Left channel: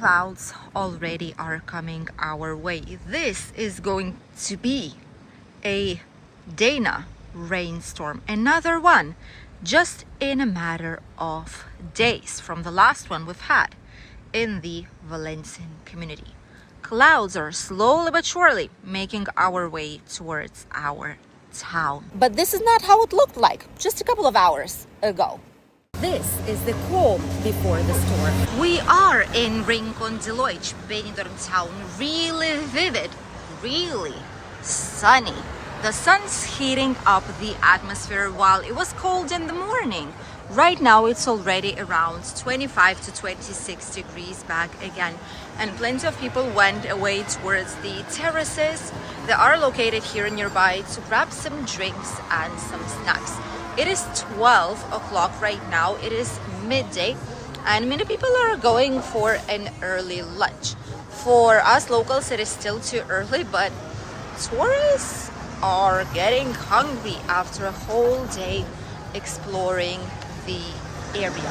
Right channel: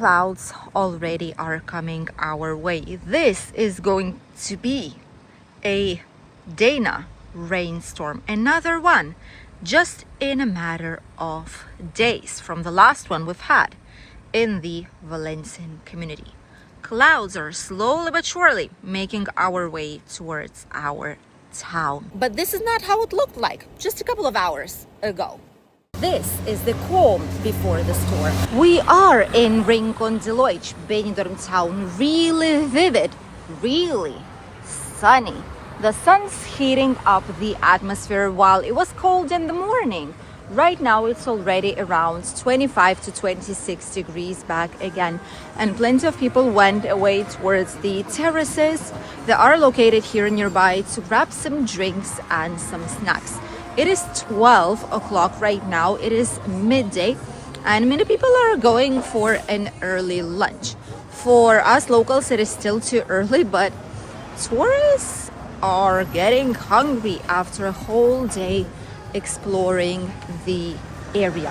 clouds already are coming our way. This is going to be a Dana rainstorm, another one, just in a matter of days from the last one we've had in the Valencian community. Clouds are slowly but surely making our way towards our town. But this is not how it looked like just a couple of hours ago. This is the calm before the storm. We are in Rincon de Loix, Benidorm town. Really vivid, really sunny. The sun's heating up the atmosphere while it was cold in the morning. Right now it's already around 25 to 26 degrees back again. And plenty of people went away towards the terraces that are located here nearby to grab some drinks and some snacks. It is 12 o'clock right now. It is midday and many people are going for an early lunch. For us locals, it is still too early, but tourists are getting hungry after a whole day exploring the area.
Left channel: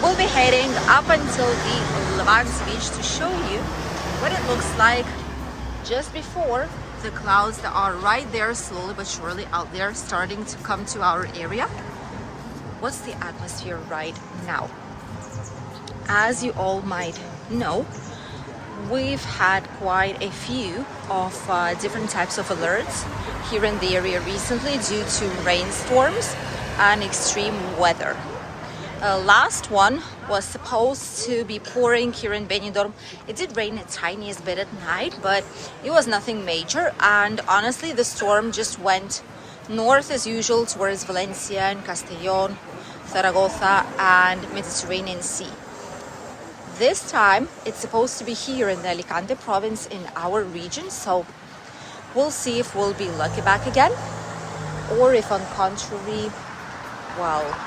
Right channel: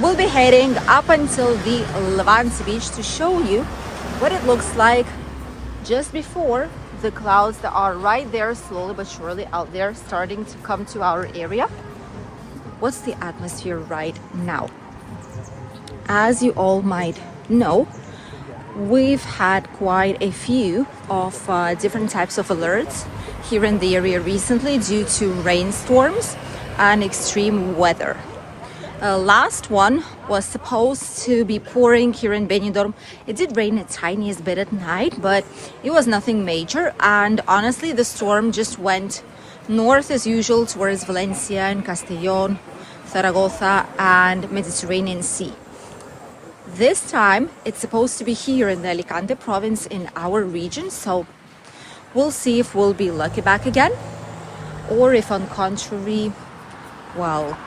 We'll be heading up until the Levanti Beach to show you what it looks like just before the clouds that are right there, slowly but surely out there, starting to come to our area. What's the atmosphere right now? As you all might know, we've had quite a few of different types of alerts here in the area recently due to rainstorms and extreme weather. Last one was supposed to be pouring here in Benidorm. It did rain a tiniest bit at night, but it was nothing major. And honestly, the storm just went north as usual towards Valencia and Castellón, Zaragoza and Mediterranean Sea. This time, it's supposed to be here in the Alicante province in our region. So we'll see if we'll be lucky back again, or if on contrary, well,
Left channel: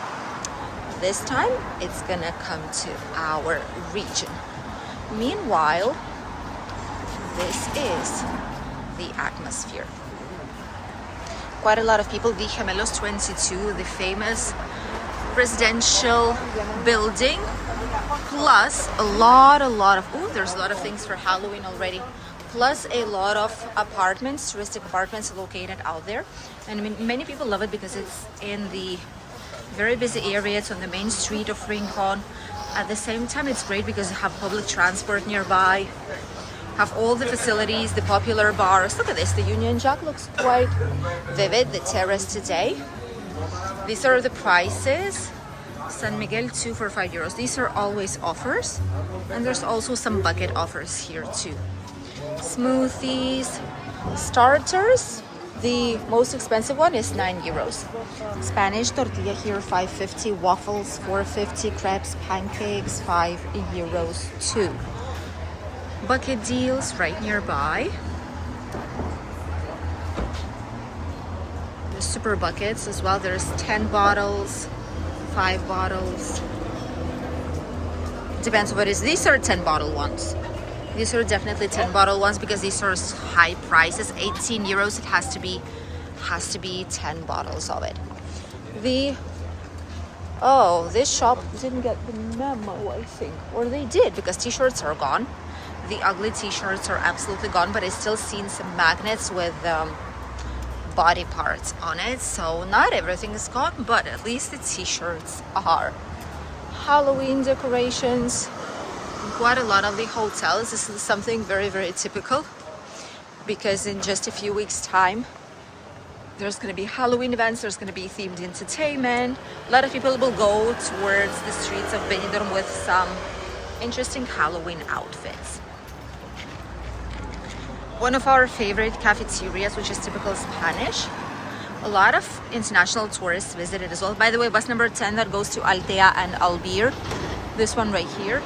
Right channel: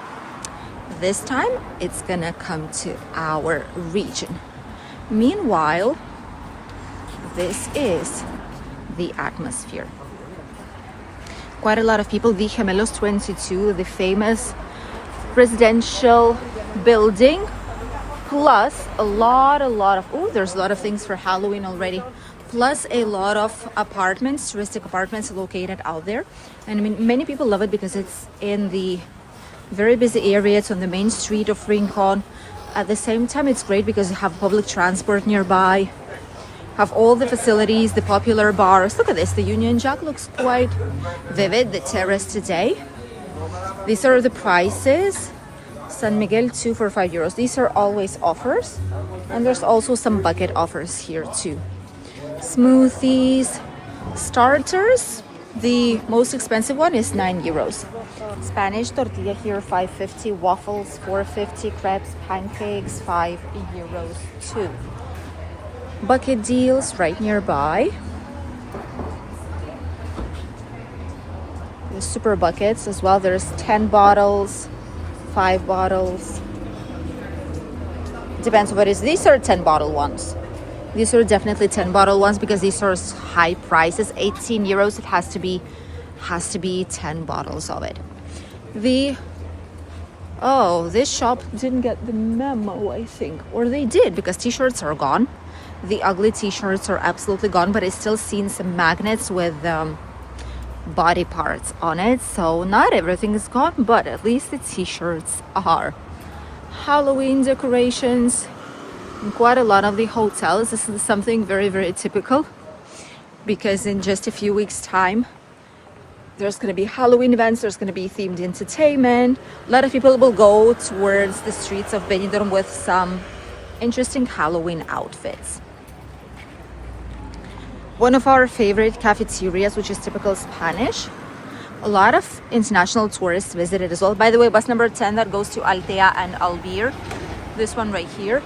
this time it's gonna come to our region. Meanwhile, this is the atmosphere. Quite a lot of people, the Gemelos 22, the famous presidential building, plus a lot of, oh, there's a lot of things for Halloween already, plus a lot of apartments, touristic apartments located out there. And I mean, many people love it because it's in the very busy area. It's on the main street of Rincon. At the same time, it's great because you have public transport nearby, have all the facilities, the popular bars. Look at this, the Union Jack looks quite vivid, the terrace today. These are the prices. San Miguel 2 for 5 euros. These are always offers, and there's also some bucket offers here too. Smoothies, starters, the most expensive one is 9 euros. Spanish tortilla here 5.50, waffles 4.50, crepes, pancakes 5 euros too. Bucket deals right nearby. There's super buckets as well. There's 10 bottles, 5 bottles. Depends what it is. These are 10 bottle ones. These are definitely 10 bottle ones because these are high prices. 18 euros. It has to be 10 bottles of it. This shop didn't get the memo, I think, or they did, because t-shirts are gone. The ugly t-shirts are absolutely gone, but I still seen some magnets with body parts on it, so not everything is gone, but at least the t-shirts are. Halloween decorations in quite a lot of the hotels. This is something very typical, because in just a few weeks time there's going to be Halloween events, there's going to be themed entertainment. A lot of people will go towards the streets of Benidorm with some interesting Halloween outfits. One of our favorite cafeterias, which is typical Spanish. A lot of international tourists visit it as well. By the way, bus number 10 that goes to Altea and Albir. This one right here.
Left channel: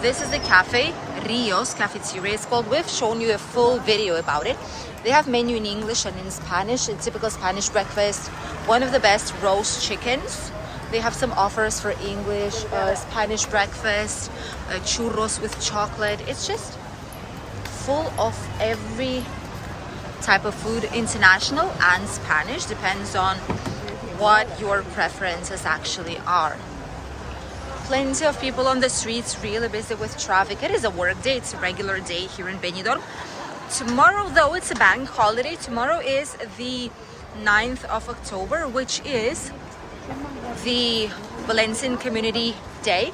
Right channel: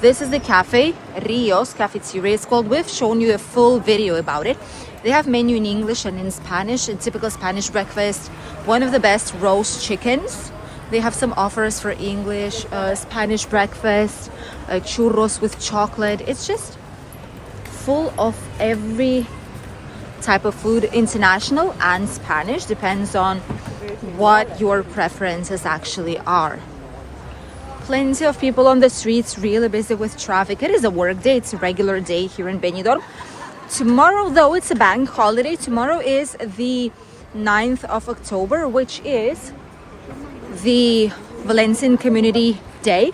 This is the cafe, Rios Cafeteria it's called. We've shown you a full video about it. They have menu in English and in Spanish, and typical Spanish breakfast. One of the best roast chickens. They have some offers for English, Spanish breakfast, churros with chocolate. It's just full of every type of food, international and Spanish, depends on what your preferences actually are. Plenty of people on the streets, really busy with traffic. It is a work day, it's a regular day here in Benidorm. Tomorrow, though, it's a bank holiday. Tomorrow is the 9th of October, which is the Valencian Community Day,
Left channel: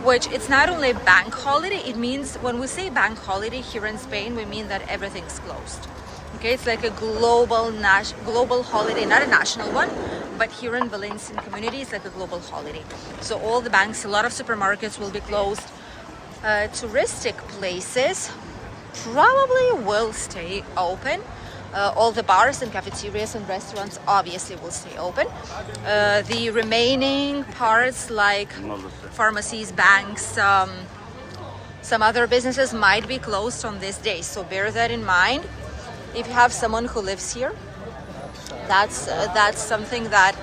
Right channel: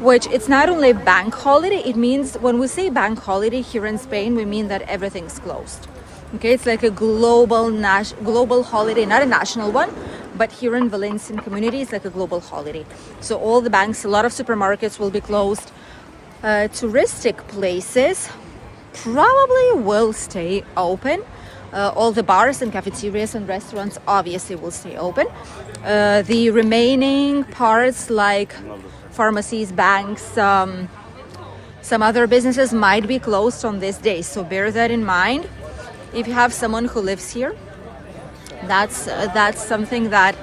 which it's not only a bank holiday, it means when we say bank holiday here in Spain, we mean that everything's closed. Okay, it's like a global holiday, not a national one, but here in Valencian Community, it's like a global holiday. So all the banks, a lot of supermarkets will be closed. Touristic places probably will stay open. All the bars and cafeterias and restaurants obviously will stay open. The remaining parts like pharmacies, banks, some other businesses might be closed on this day. So bear that in mind. If you have someone who lives here, that's something that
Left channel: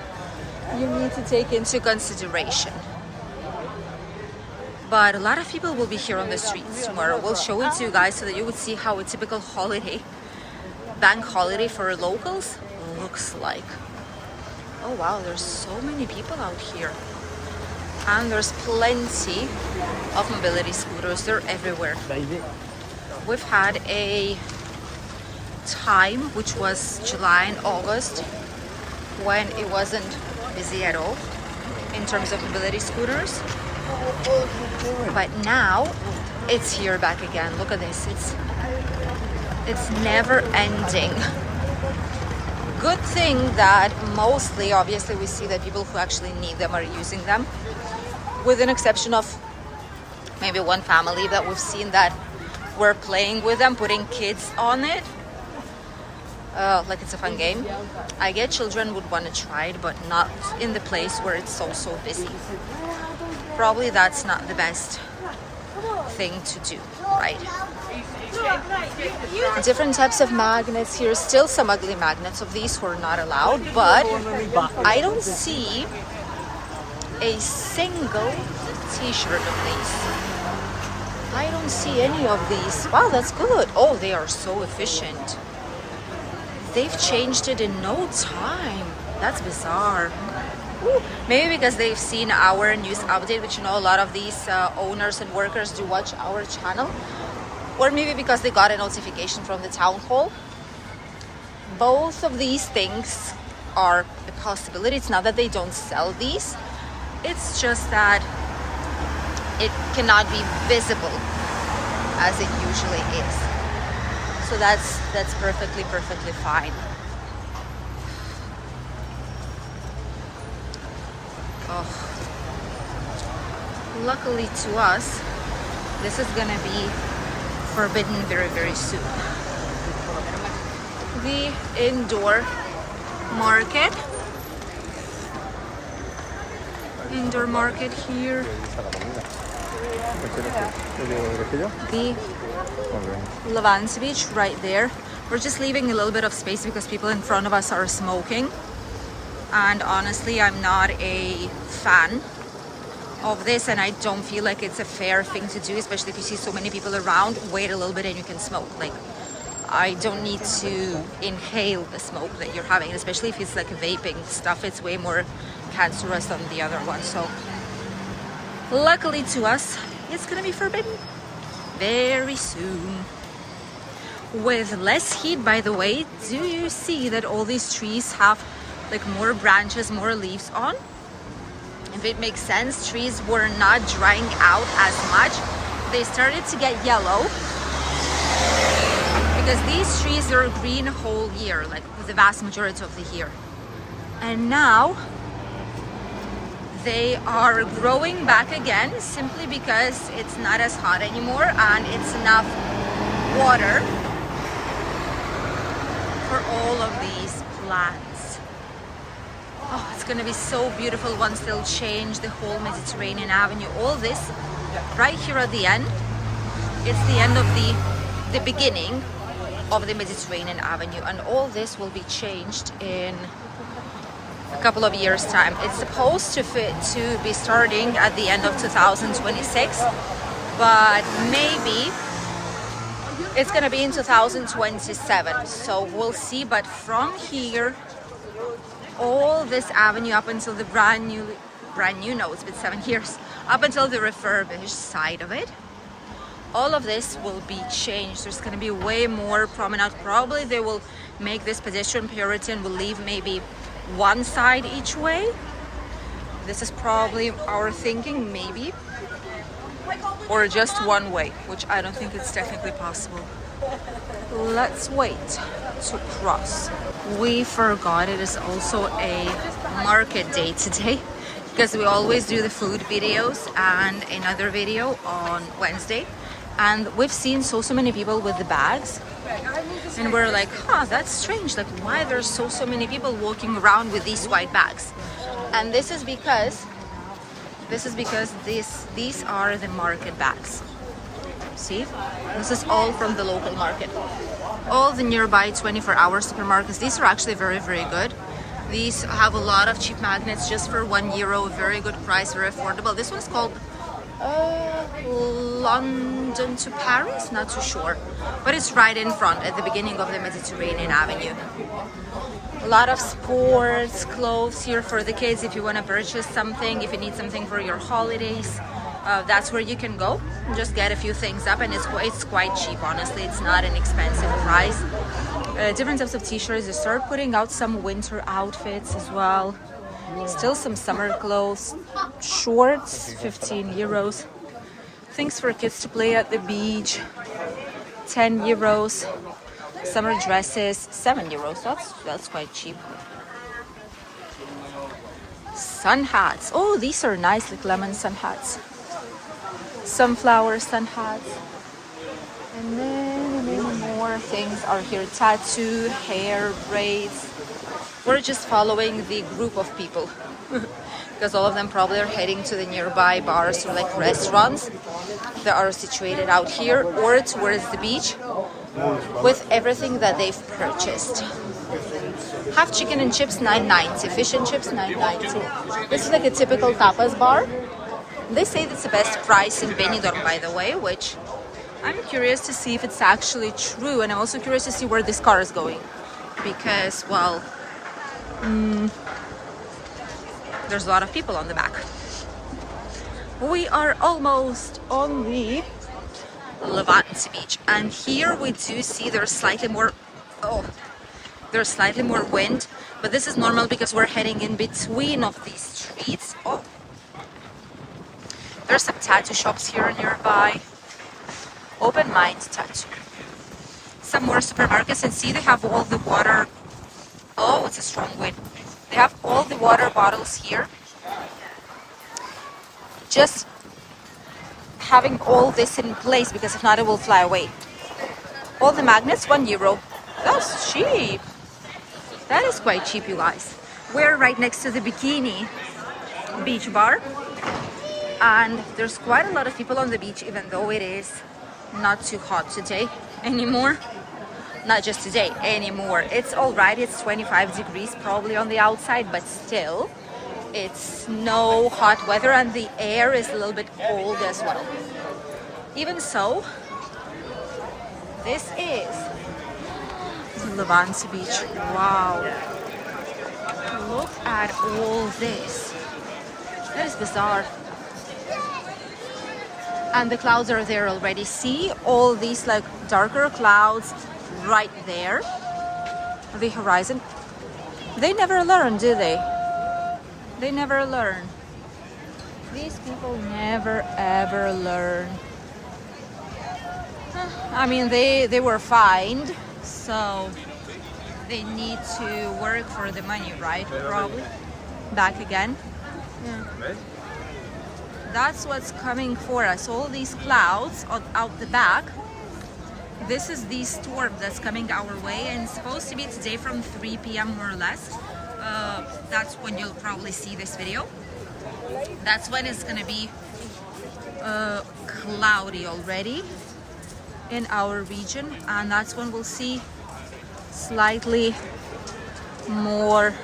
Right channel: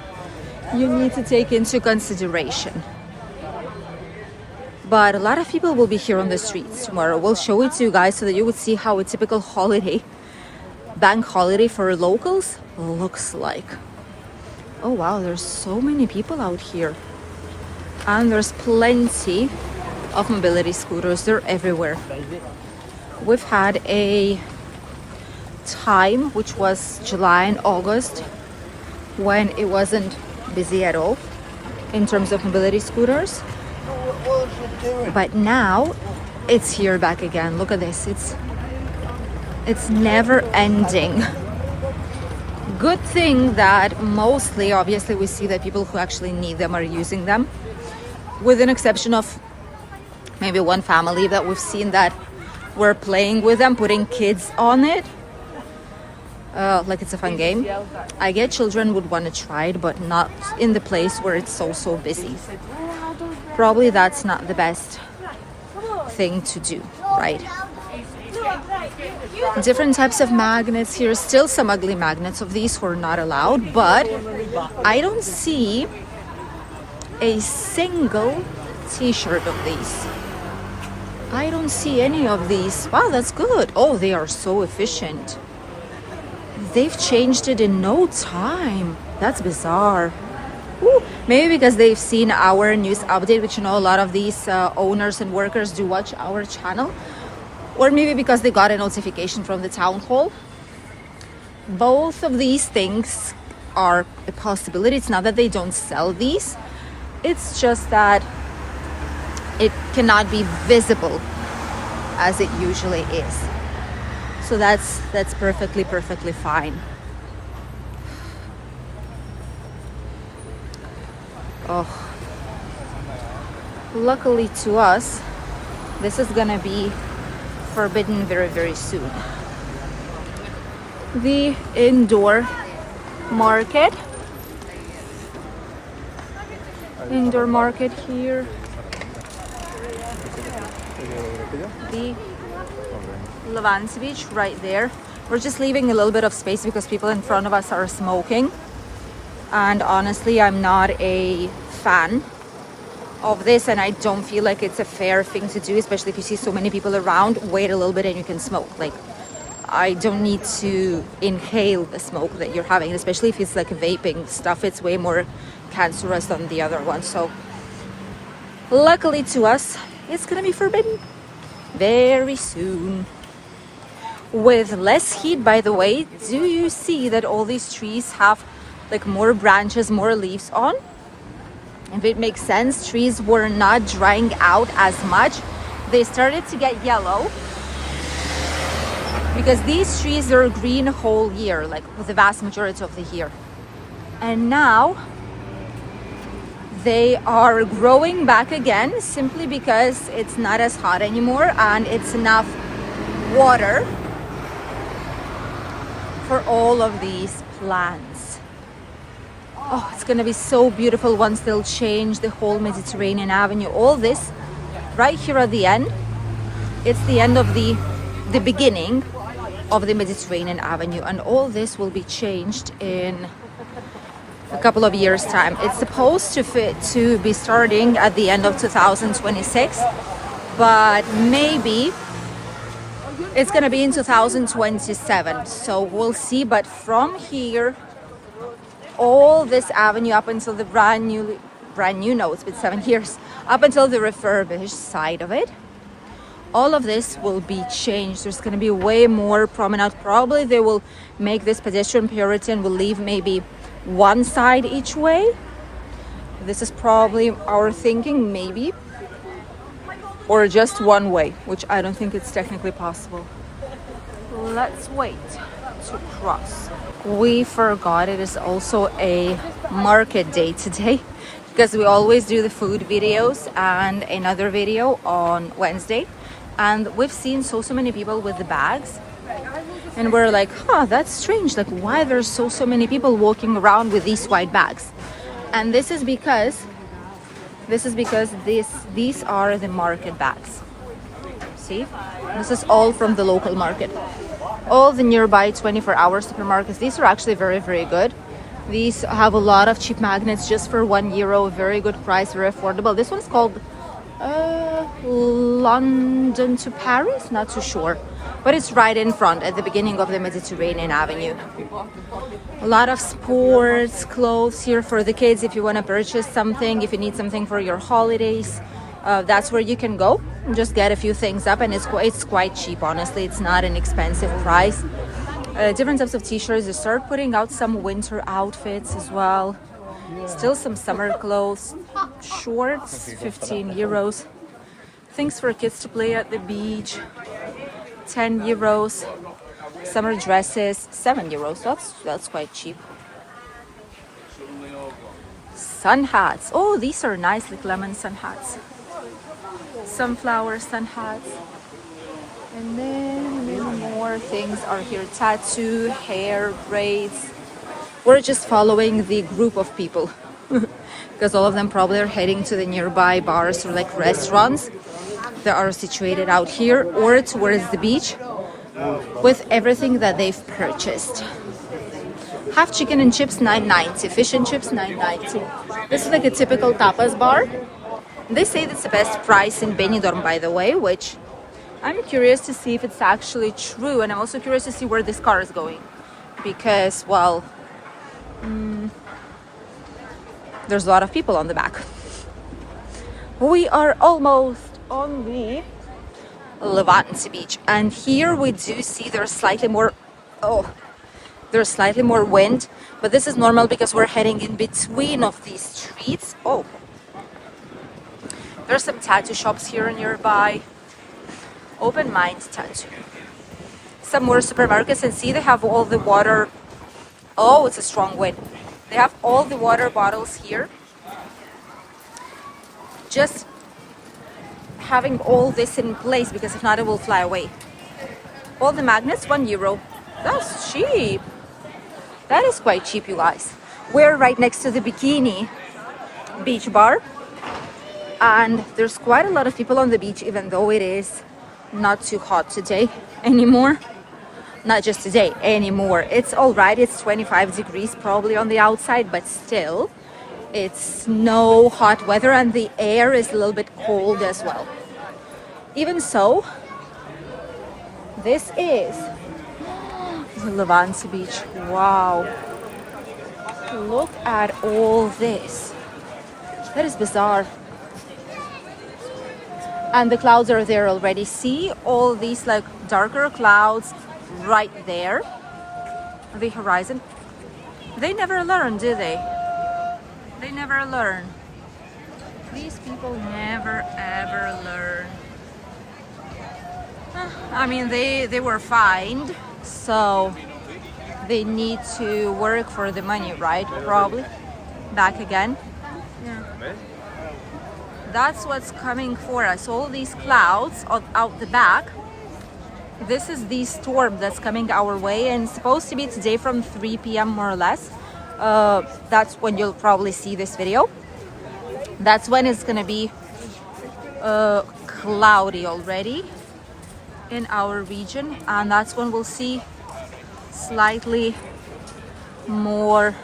you need to take into consideration. But a lot of people will be here on the streets tomorrow. We'll show it to you guys so that you would see how a typical holiday, bank holiday for locals looks like. Oh wow, there's so many people out here. And there's plenty of mobility scooters. They're everywhere. We've had a time, which was July and August, when it wasn't busy at all in terms of mobility scooters. But now it's here back again. Look at this. It's never ending. Good thing that mostly, obviously, we see that people who actually need them are using them, with an exception of maybe one family that we've seen that were playing with them, putting kids on it. Like it's a fun game. I get children would want to try it, but not in the place where it's so busy. Probably that's not the best thing to do, right? Different types of magnets here. Still some ugly magnets of these were not allowed, but I don't see a single t-shirt of these. I don't see any of these. Oh, that's good. Oh, they are so efficient. They've changed it in no time. That's bizarre. Ooh, maybe because they've seen our news update, which, you know, a lot of these owners and workers do watch our channel, or maybe because they got a notification from the town hall. Both of these things are a possibility. It's not that they don't sell these, it's just that it cannot be visible as it usually is. So that's perfectly fine. Oh, luckily to us, this is gonna be forbidden very soon. The indoor market. Indoor market here. The Levanti Beach right there. We're just leaving a little bit of space because people in front of us are smoking. And honestly, I'm not a fan of this, and I don't feel like it's a fair thing to do, especially if you see so many people around. Wait a little bit and you can smoke. Like, I don't need to inhale the smoke that you're having, especially if it's like vaping stuff. It's way more cancerous than the other one. So luckily to us, it's gonna be forbidden very soon. With less heat, by the way. Do you see that all these trees have like more branches, more leaves on? If it makes sense, trees were not drying out as much. They started to get yellow because these trees are green whole year, like with the vast majority of the year. And now they are growing back again simply because it's not as hot anymore and it's enough water for all of these plants. Oh, it's gonna be so beautiful once they'll change the whole Mediterranean Avenue. All this right here at the end, it's the end of the beginning of the Mediterranean Avenue, and all this will be changed in a couple of years' time. It's supposed to be starting at the end of 2026, but maybe it's gonna be in 2027, so we'll see. But from here, all this avenue up until the brand brand new. No, it's been 7 years, up until the refurbished side of it. All of this will be changed. There's going to be way more promenade. Probably they will make this pedestrian Puritan, will leave maybe one side each way. This is probably our thinking, maybe, or just one way, which I don't think it's technically possible. Let's wait to cross. We forgot it is also a market day today, because we always do the food videos and another video on Wednesday. And we've seen so many people with the bags, and we're like, huh, that's strange. Like, why there's so many people walking around with these white bags? And this is because these are the market bags. See, this is all from the local market. All the nearby 24-hour supermarkets. These are actually very good. These have a lot of cheap magnets just for €1. Very good price, very affordable. This one's called London to Paris, not too sure, but it's right in front at the beginning of the Mediterranean Avenue. A lot of sports clothes here for the kids. If you want to purchase something, if you need something for your holidays, that's where you can go and just get a few things up, and it's quite cheap. Honestly, it's not an expensive price. Different types of t-shirts. They start putting out some winter outfits as well. Still some summer clothes, shorts, €15. Things for kids to play at the beach, €10. Summer dresses, €7. That's quite cheap. Sun hats. Oh, these are nice, like lemon sun hats. Sunflower sun hats. And many more things are here. Tattoo, hair, braids. We're just following the group of people. Because all of them probably are heading to the nearby bars or like restaurants that are situated out here or towards the beach with everything that they've purchased. Half chicken and chips, $9.90. Fish and chips, $9.90. This is like a typical tapas bar. They say that's the best price in Benidorm, by the way, which I'm curious to see if it's actually true. And I'm also curious to see where this car is going, because, well, there's a lot of people on the back. We are almost on the Levanti Beach, and here we do see there's slightly more wind, but this is normal because we're heading in between of these streets. Oh, there's some tattoo shops here nearby. Open Mind Tattoo. Some more supermarkets, and see they have all the water. Oh, it's a strong wind. They have all the water bottles here. Just having all this in place, because if not it will fly away. All the magnets, €1. That's cheap. That is quite cheap, you guys. We're right next to the Bikini Beach Bar, and there's quite a lot of people on the beach, even though it is not too hot today anymore. Not just today, anymore. It's all right. It's 25 degrees probably on the outside, but still it's no hot weather, and the air is a little bit cold as well. Even so, this is the Levanti Beach. Wow, look at all this. That is bizarre. And the clouds are there already. See all these like darker clouds right there, the horizon. They never learn, do they? They never learn. These people never ever learn. I mean, they were fined, so they need to work for the money, right? Probably back again. Yeah, that's what's coming for us. All these clouds out the back. This is the storm that's coming our way, and it's supposed to be today from 3 p.m. more or less. That's when you'll probably see this video. That's when it's gonna be cloudy already in our region, and that's when we'll see slightly cooler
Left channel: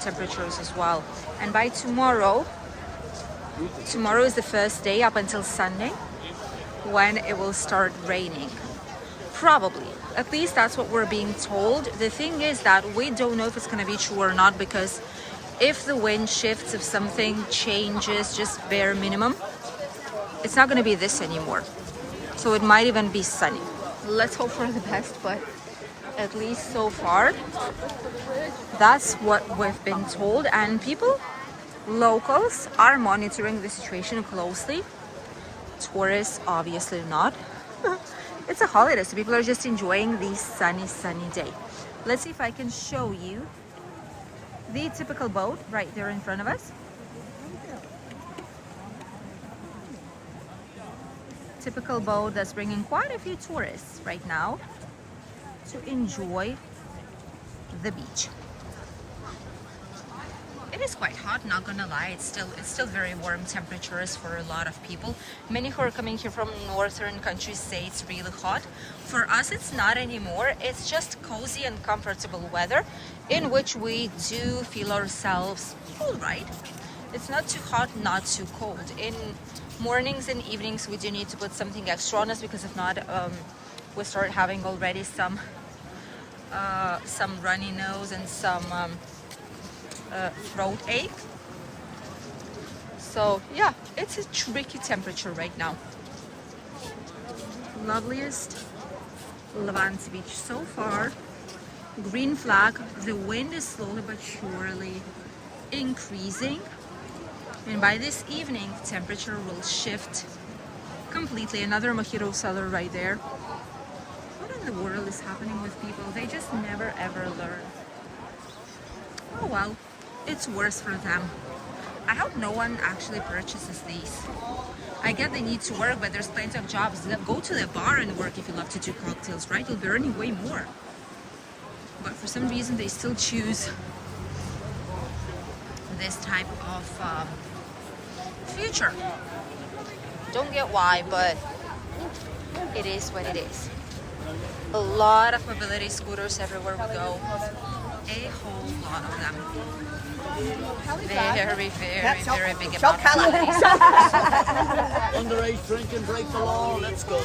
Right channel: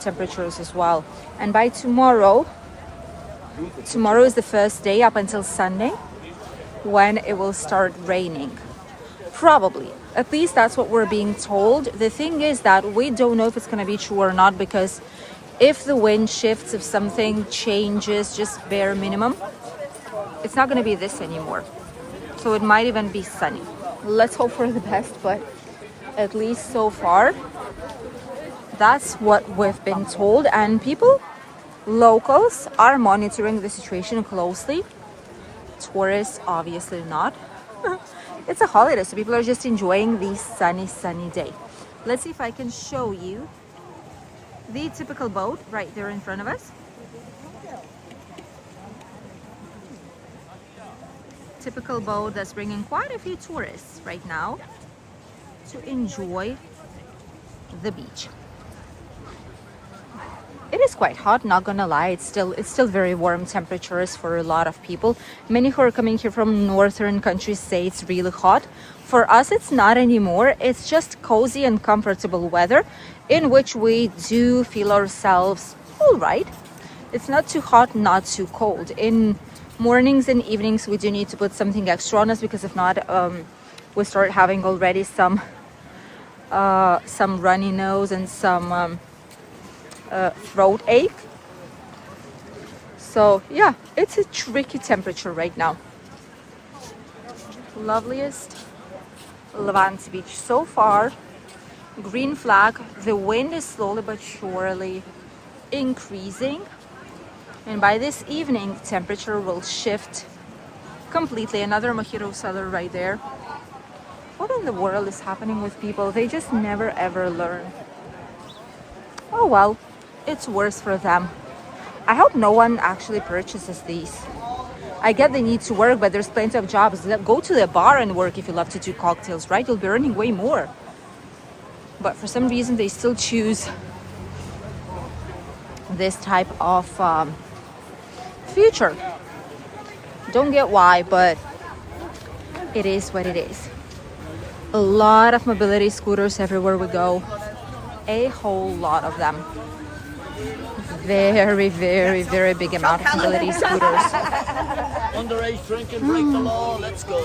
temperatures as well. And by tomorrow is the first day up until Sunday when it will start raining. Probably. At least that's what we're being told. The thing is that we don't know if it's going to be true or not, because if the wind shifts, if something changes, just bare minimum, it's not going to be this anymore. So it might even be sunny. Let's hope for the best, but at least so far, that's what we've been told. And people, locals, are monitoring the situation closely. Tourists, obviously not. It's a holiday, so people are just enjoying the sunny day. Let's see if I can show you the typical boat right there in front of us. Typical boat that's bringing quite a few tourists right now to enjoy the beach. It is quite hot, not gonna lie. It's still very warm temperatures for a lot of people. Many who are coming here from northern countries say it's really hot. For us, it's not anymore. It's just cozy and comfortable weather in which we do feel ourselves all right. It's not too hot, not too cold. In mornings and evenings, we do need to put something extra on us, because if not, we start having already some runny nose and some throat ache. So yeah, it's a tricky temperature right now. Loveliest Levanti Beach so far. Green flag. The wind is slowly but surely increasing, and by this evening temperature will shift completely. Another mojito seller right there. What in the world is happening with people? They just never ever learn. Oh well, it's worse for them. I hope no one actually purchases these. I get they need to work, but there's plenty of jobs. Go to the bar and work if you love to do cocktails, right? You'll be earning way more. But for some reason, they still choose this type of future. Don't get why, but it is what it is. A lot of mobility scooters everywhere we go. A whole lot of them. Very big amount of mobility scooters. Underage drinking, break the law, let's go.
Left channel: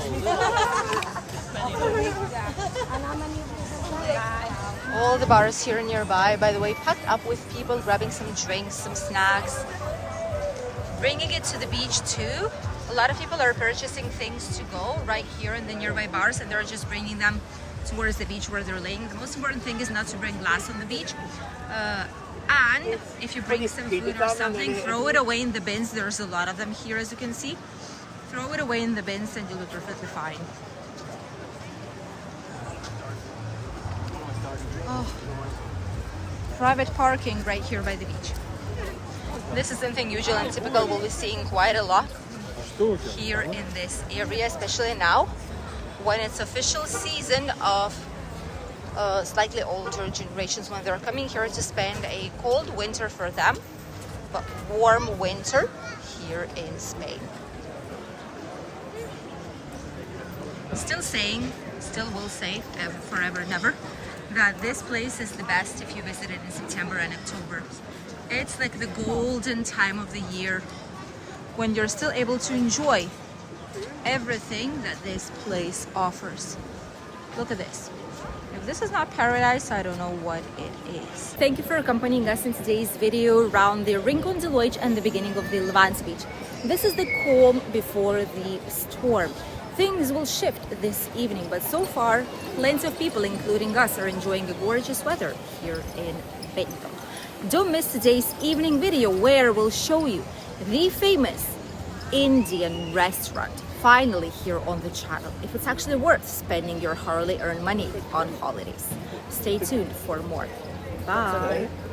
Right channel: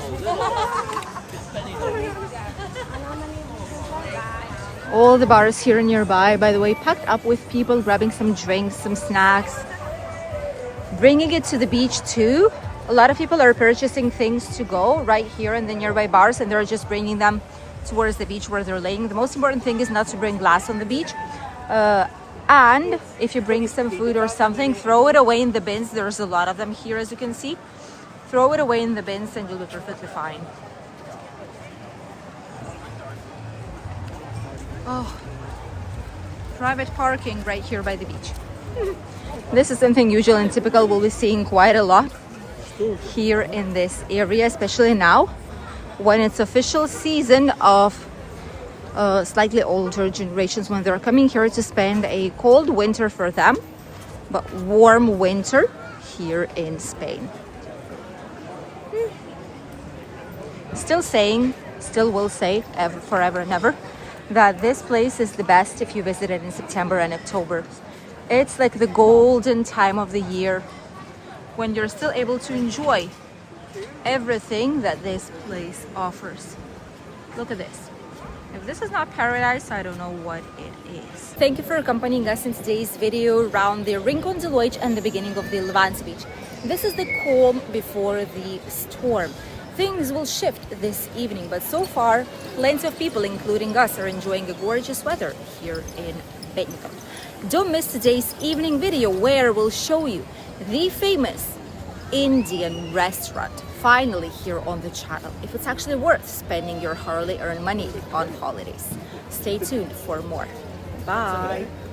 All the bars here nearby, by the way, packed up with people grabbing some drinks, some snacks, bringing it to the beach too. A lot of people are purchasing things to go right here in the nearby bars, and they're just bringing them towards the beach where they're laying. The most important thing is not to bring glass on the beach. And if you bring some food or something, throw it away in the bins. There's a lot of them here, as you can see. Throw it away in the bins and you'll be perfectly fine. Oh, private parking right here by the beach. This is something usual and typical we'll be seeing quite a lot here in this area, especially now when it's official season of slightly older generations, when they're coming here to spend a cold winter for them, but warm winter here in Spain. Still will say forever and ever that this place is the best if you visit it in September and October. It's like the golden time of the year when you're still able to enjoy everything that this place offers. Look at this. If this is not paradise, I don't know what it is. Thank you for accompanying us in today's video around the Rincon de Loix and the beginning of the Levanti Beach. This is the calm before the storm. Things will shift this evening, but so far, plenty of people, including us, are enjoying the gorgeous weather here in Benidorm. Don't miss today's evening video where we'll show you the famous Indian restaurant, finally here on the channel, if it's actually worth spending your hardly earned money on holidays. Stay tuned for more. Bye.